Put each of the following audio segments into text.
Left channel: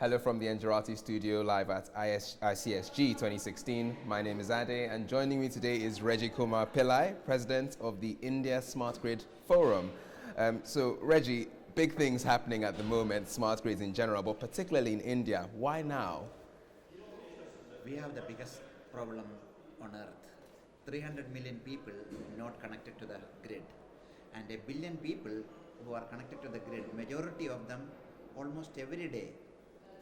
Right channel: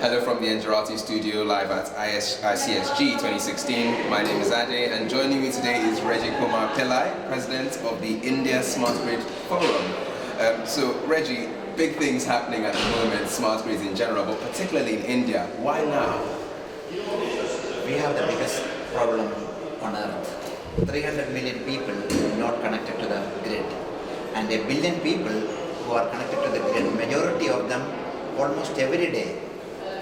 Hello from the Engerati studio live at ICSG 2016. My name is Ade, and joining me today is Reji Kumar Pillai, President of the India Smart Grid Forum. So Reji, big things happening at the moment, smart grids in general, but particularly in India. Why now? We have the biggest problem on earth. 300 million people not connected to the grid, and 1 billion people who are connected to the grid. Majority of them almost every day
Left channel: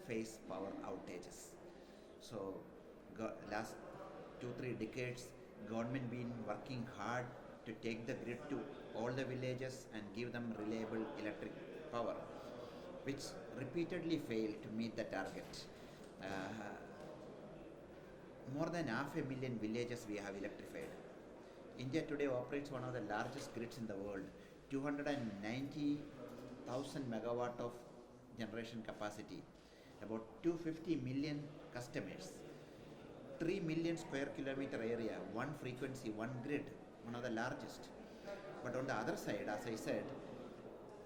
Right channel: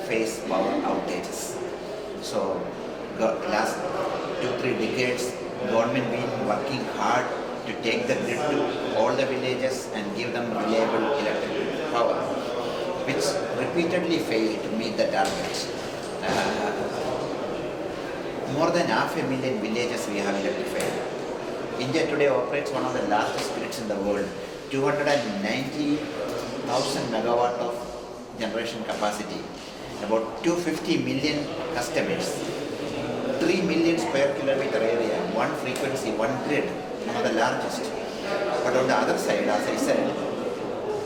face power outages. So last 2-3 decades, government been working hard to take the grid to all the villages and give them reliable electric power, which repeatedly failed to meet the targets. More than 500,000 villages we have electrified. India today operates one of the largest grids in the world, 290,000 megawatt of generation capacity, about 250 million customers, 3 million square kilometer area, one frequency, one grid, one of the largest. But on the other side, as I said,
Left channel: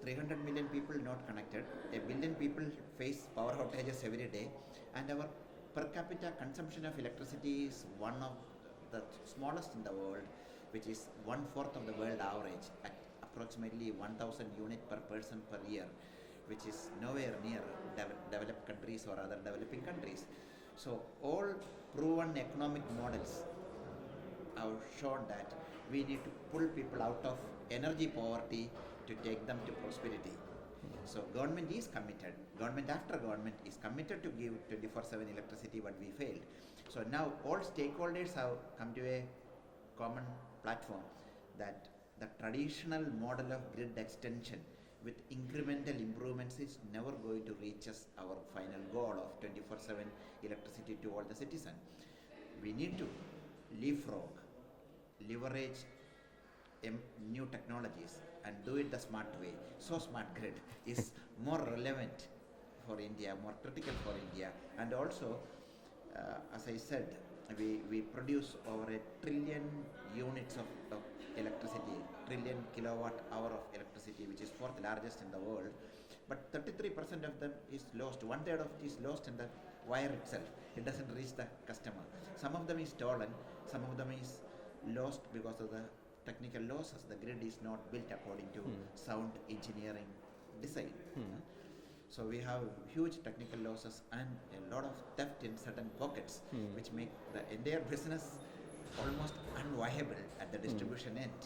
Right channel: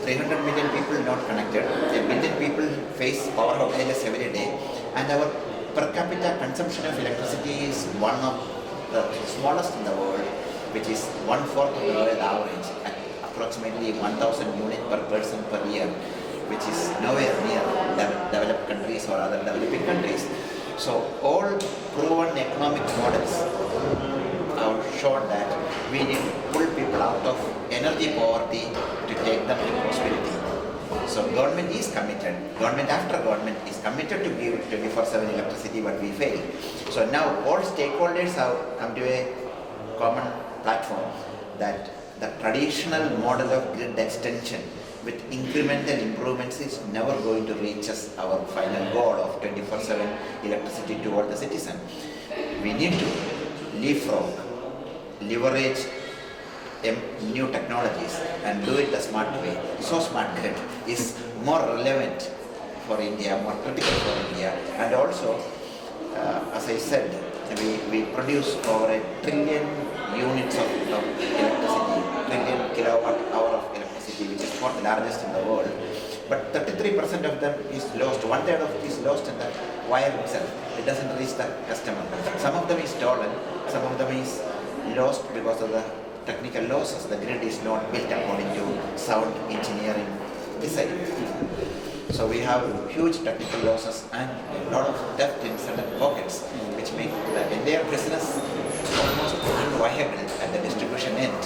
300 million people not connected, 1 billion people face power outages every day, and our per capita consumption of electricity is one of the smallest in the world, which is 1/4 of the world average, at approximately 1,000 units per person per year, which is nowhere near developed countries or other developing countries. So all proven economic models have shown that we need to pull people out of energy poverty to take them to prosperity. So government is committed, government after government is committed to give 24/7 electricity, but we fail. So now all stakeholders have come to a common platform that the traditional model of grid extension with incremental improvements is never going to reach us our final goal of 24/7 electricity to all the citizens. We need to leapfrog, leverage new technologies and do it the smart way. So smart grid is more relevant for India, more critical for India, and also, as I said, we produce over 1 trillion units of electricity, trillion kilowatt hour of electricity, which is fourth largest in the world. But 33% of them is lost. 1/3 of it is lost in the wire itself. It doesn't reach the customer. Some of them is stolen. Some of them is lost because of the technical losses. The grid is not built according to sound engineering design. So we have huge technical losses and a lot of theft in certain pockets, which make the entire business almost unviable at the distribution end.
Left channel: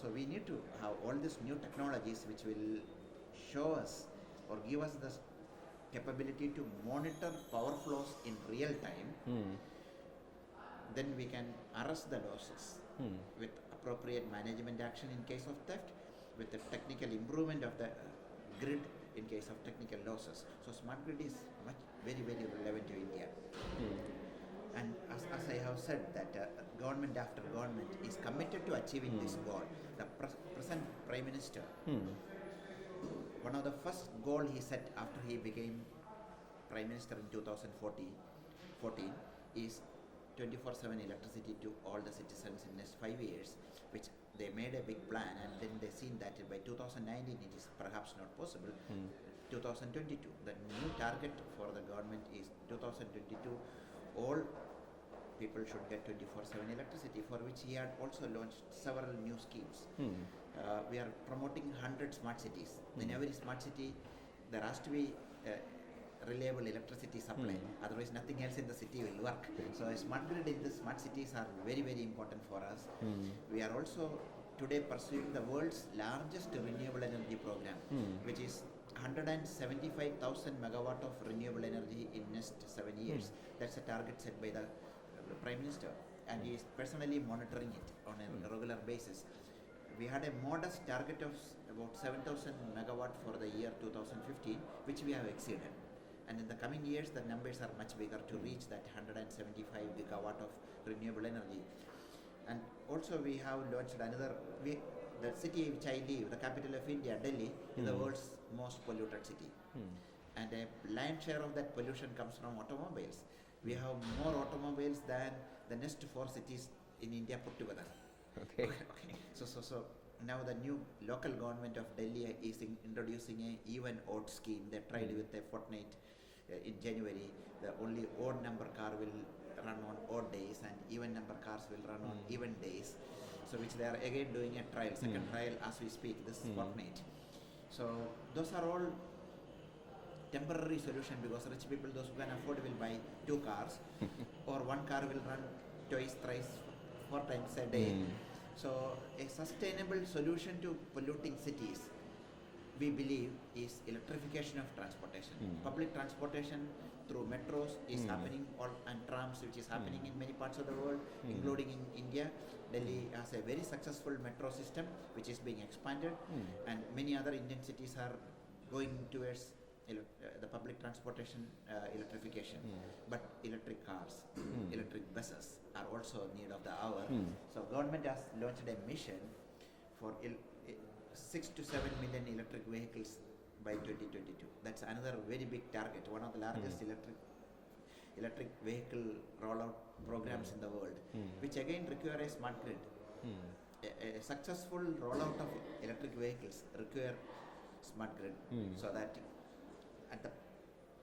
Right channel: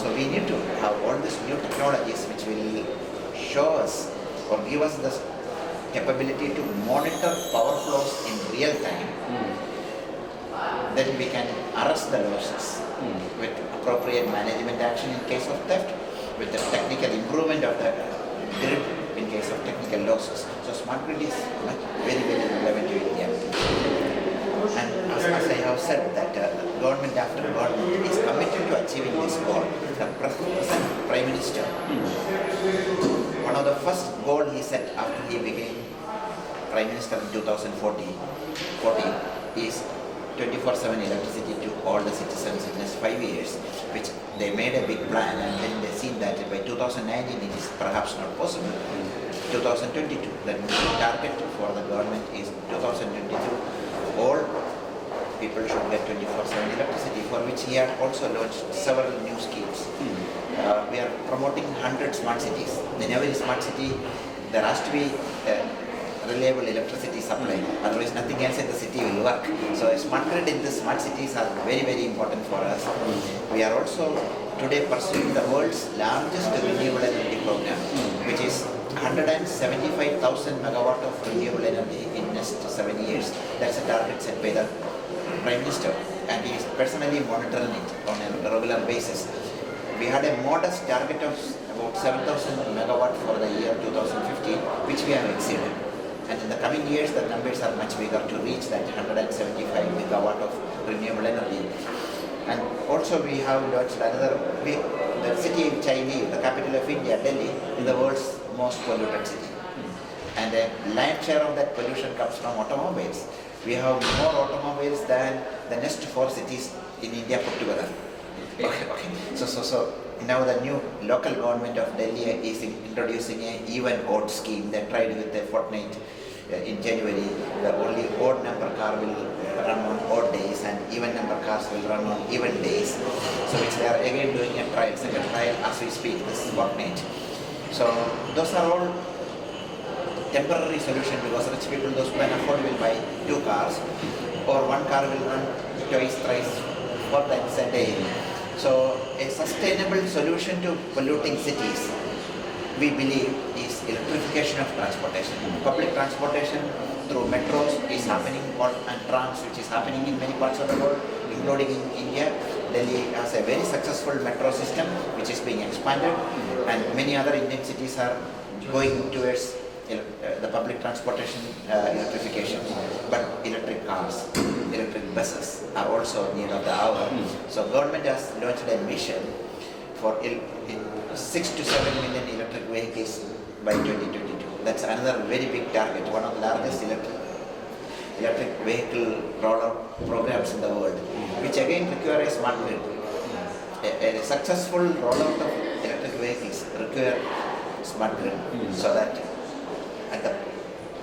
So we need to have all these new technologies which will show us or give us the capability to monitor power flows in real time. Then we can arrest the losses with appropriate management action in case of theft, with the technical improvement of the grid in case of technical losses. So smart grid is very, very relevant to India. And as I have said, that government after government is committed to achieving this goal. The present Prime Minister, one of the first goal he set after he became Prime Minister in 2014 is 24/7 electricity to all the citizens in the next 5 years, which they made a big plan, and then they seen that by 2019 it is perhaps not possible. 2022, the target for the government is 2022. All people should get 24/7 electricity, for which he had also launched several new schemes. We are promoting 100 smart cities. In every smart city, there has to be reliable electricity supply, otherwise nothing else in the city will work. So a smart grid in the smart cities are very, very important for us. We are also today pursuing the world's largest renewable energy program, which is 175,000 megawatt of renewable energy in next 7 years. That's a target set by the Prime Minister, and he is personally monitoring it on a regular basis. We had a modest target of about 7,000 megawatt for the year 2015, which we have exceeded. And in the coming years, the numbers are much bigger to reach that 175 megawatt of renewable energy. And also we have launched another, the city of Chile, the capital of India, Delhi, is the world's most polluted city. And a lion's share of that pollution comes from automobiles. We have more automobiles than the next 4 cities in India put together. Okay. So now the new local government of Delhi is introducing a even odd scheme. They tried with a fortnight in January, the only odd number car will run on odd days and even number cars will run on even days. So which they are again doing a trial, second trial as we speak, this fortnight. So those are all temporary solution because rich people, those who can afford, will buy 2 cars or 1 car will run twice, thrice, 4 times a day. So a sustainable solution to polluting cities, we believe, is electrification of transportation. Public transportation through metros is happening, and trams, which is happening in many parts of the world, including in India. Delhi has a very successful metro system which is being expanded, and many other Indian cities are going towards the public transportation electrification. But electric cars, electric buses are also need of the hour. So government has launched a mission for 6 to 7 million electric vehicles by 2022. That's another very big target, one of the largest electric vehicle rollout programs in the world, which again require a smart grid. A successful rollout of electric vehicles require smart grid, so that at the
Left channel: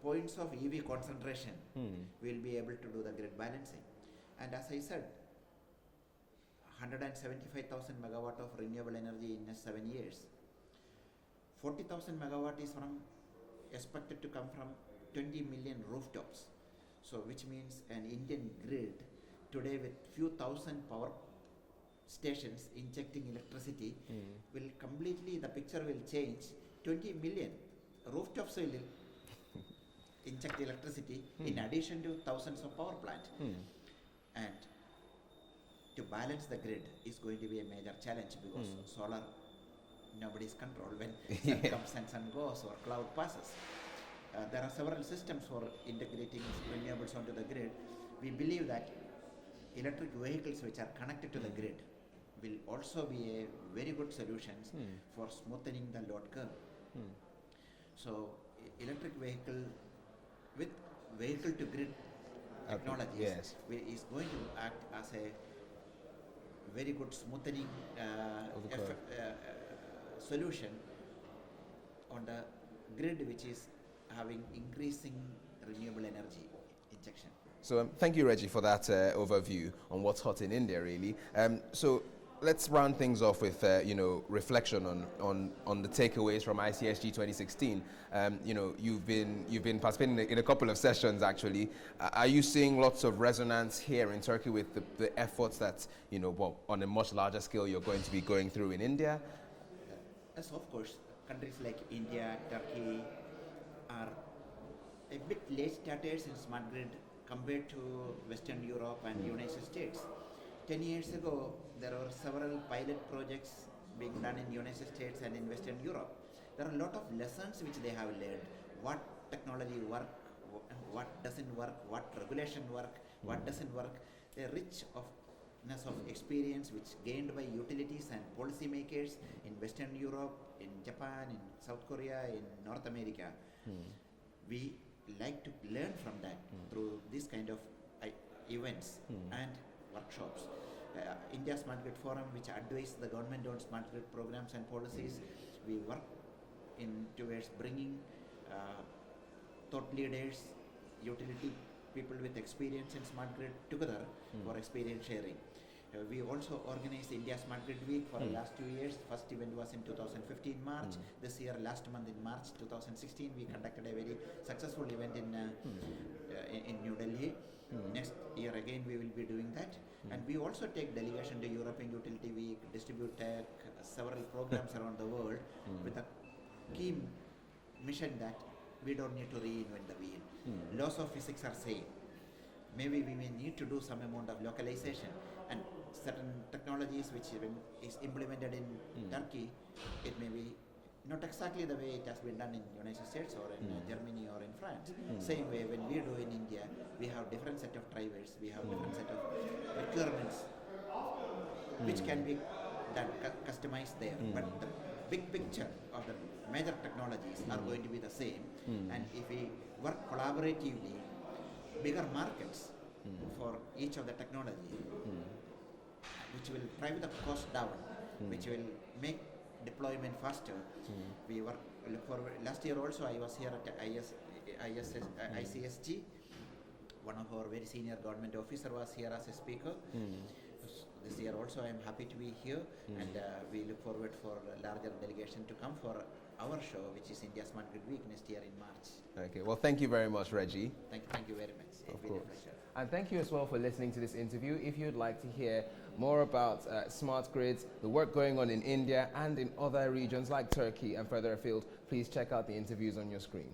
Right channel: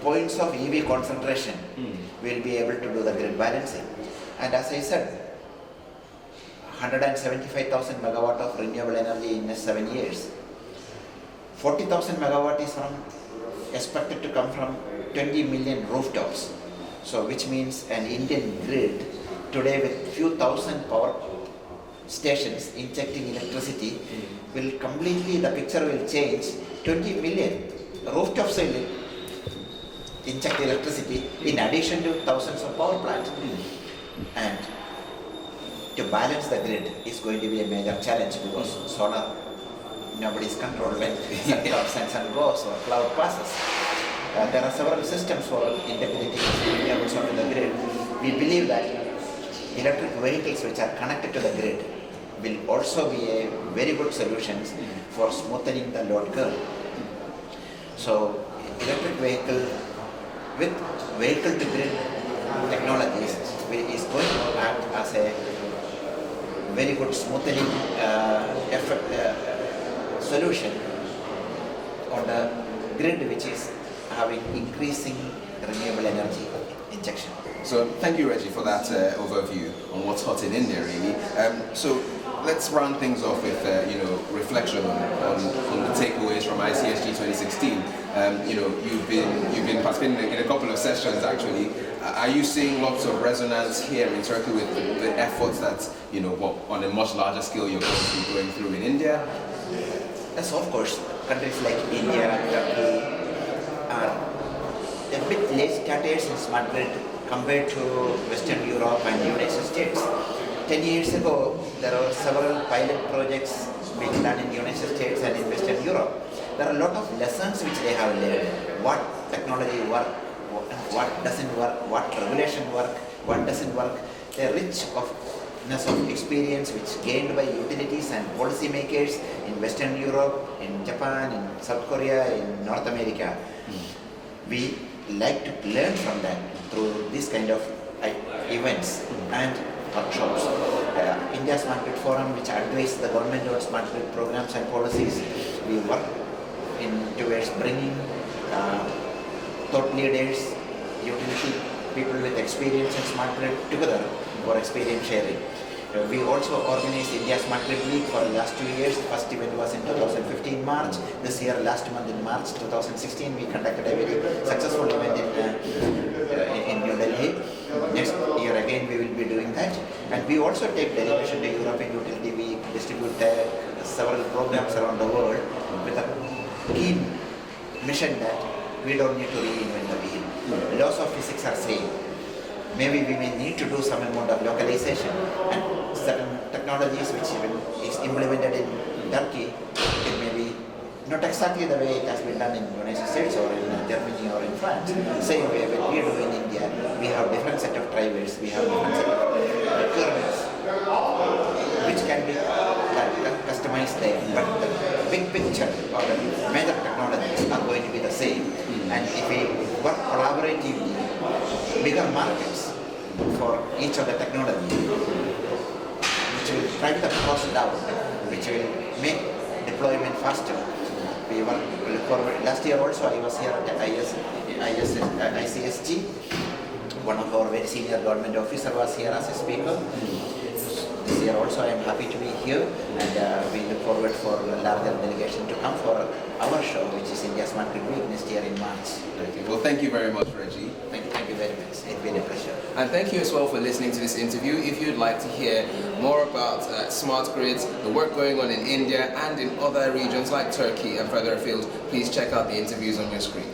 points of EV concentration, we'll be able to do the grid balancing. And as I said, 175,000 megawatt of renewable energy in 7 years. 40,000 megawatt is expected to come from 20 million rooftops. So which means an Indian grid today with few thousand power stations injecting electricity will completely, the picture will change. 20 million rooftops will inject electricity in addition to thousands of power plants. And to balance the grid is going to be a major challenge because solar, nobody's control when sun comes and sun goes or cloud passes. There are several systems for integrating renewables onto the grid. We believe that electric vehicles which are connected to the grid will also be a very good solution for smoothing the load curve. So electric vehicle with vehicle to grid technologies is going to act as a very good smoothing solution on the grid, which is having increasing renewable energy injection. So thank you, Reji, for that overview on what's hot in India, really. So let's round things off with reflection on the takeaways from ICSG 2016. You've been participating in a couple of sessions actually. Are you seeing lots of resonance here in Turkey with the efforts that on a much larger scale you're going to be going through in India? Yes, of course. Countries like India, Turkey are a bit late starters in smart grid compared to Western Europe and United States. 10 years ago, there were several pilot projects being done in the United States and in Western Europe. There are a lot of lessons which they have learned. What technology works, what doesn't work, what regulation works, what doesn't work. They're rich of experience which gained by utilities and policymakers in Western Europe, in Japan, in South Korea, in North America. We like to learn from them through this kind of events and workshops. India Smart Grid Forum, which advises the government on smart grid programs and policies, we work towards bringing thought leaders, utility people with experience in smart grid together for experience sharing. We also organized India Smart Grid Week for the last 2 years. The first event was in 2015 March. This year, last month in March 2016, we conducted a very successful event in New Delhi. Next year again we will be doing that. And we also take delegation to European Utility Week, distribute several programs around the world with a keen mission that we don't need to reinvent the wheel. Laws of physics are same. Maybe we may need to do some amount of localization, and certain technologies which is implemented in Turkey, it may be not exactly the way it has been done in the United States or in Germany or in France. Same way when we do in India, we have different set of drivers, we have different set of requirements which can be customized there. But the big picture or the major technologies are going to be the same. And if we work collaboratively, bigger markets for each of the technology, which will drive the cost down, which will make deployment faster. We look forward. Last year also I was here at ICSG. One of our very senior government officer was here as a speaker. This year also I am happy to be here, and we look forward for a larger delegation to come for our show, which is India Smart Grid Week next year in March. Okay. Well, thank you very much, Reji. Thank you very much. It's been a pleasure. And thank you as well for listening to this interview. If you'd like to hear more about smart grids, the work going on in India and in other regions like Turkey and further afield, please check out the interviews on your screen.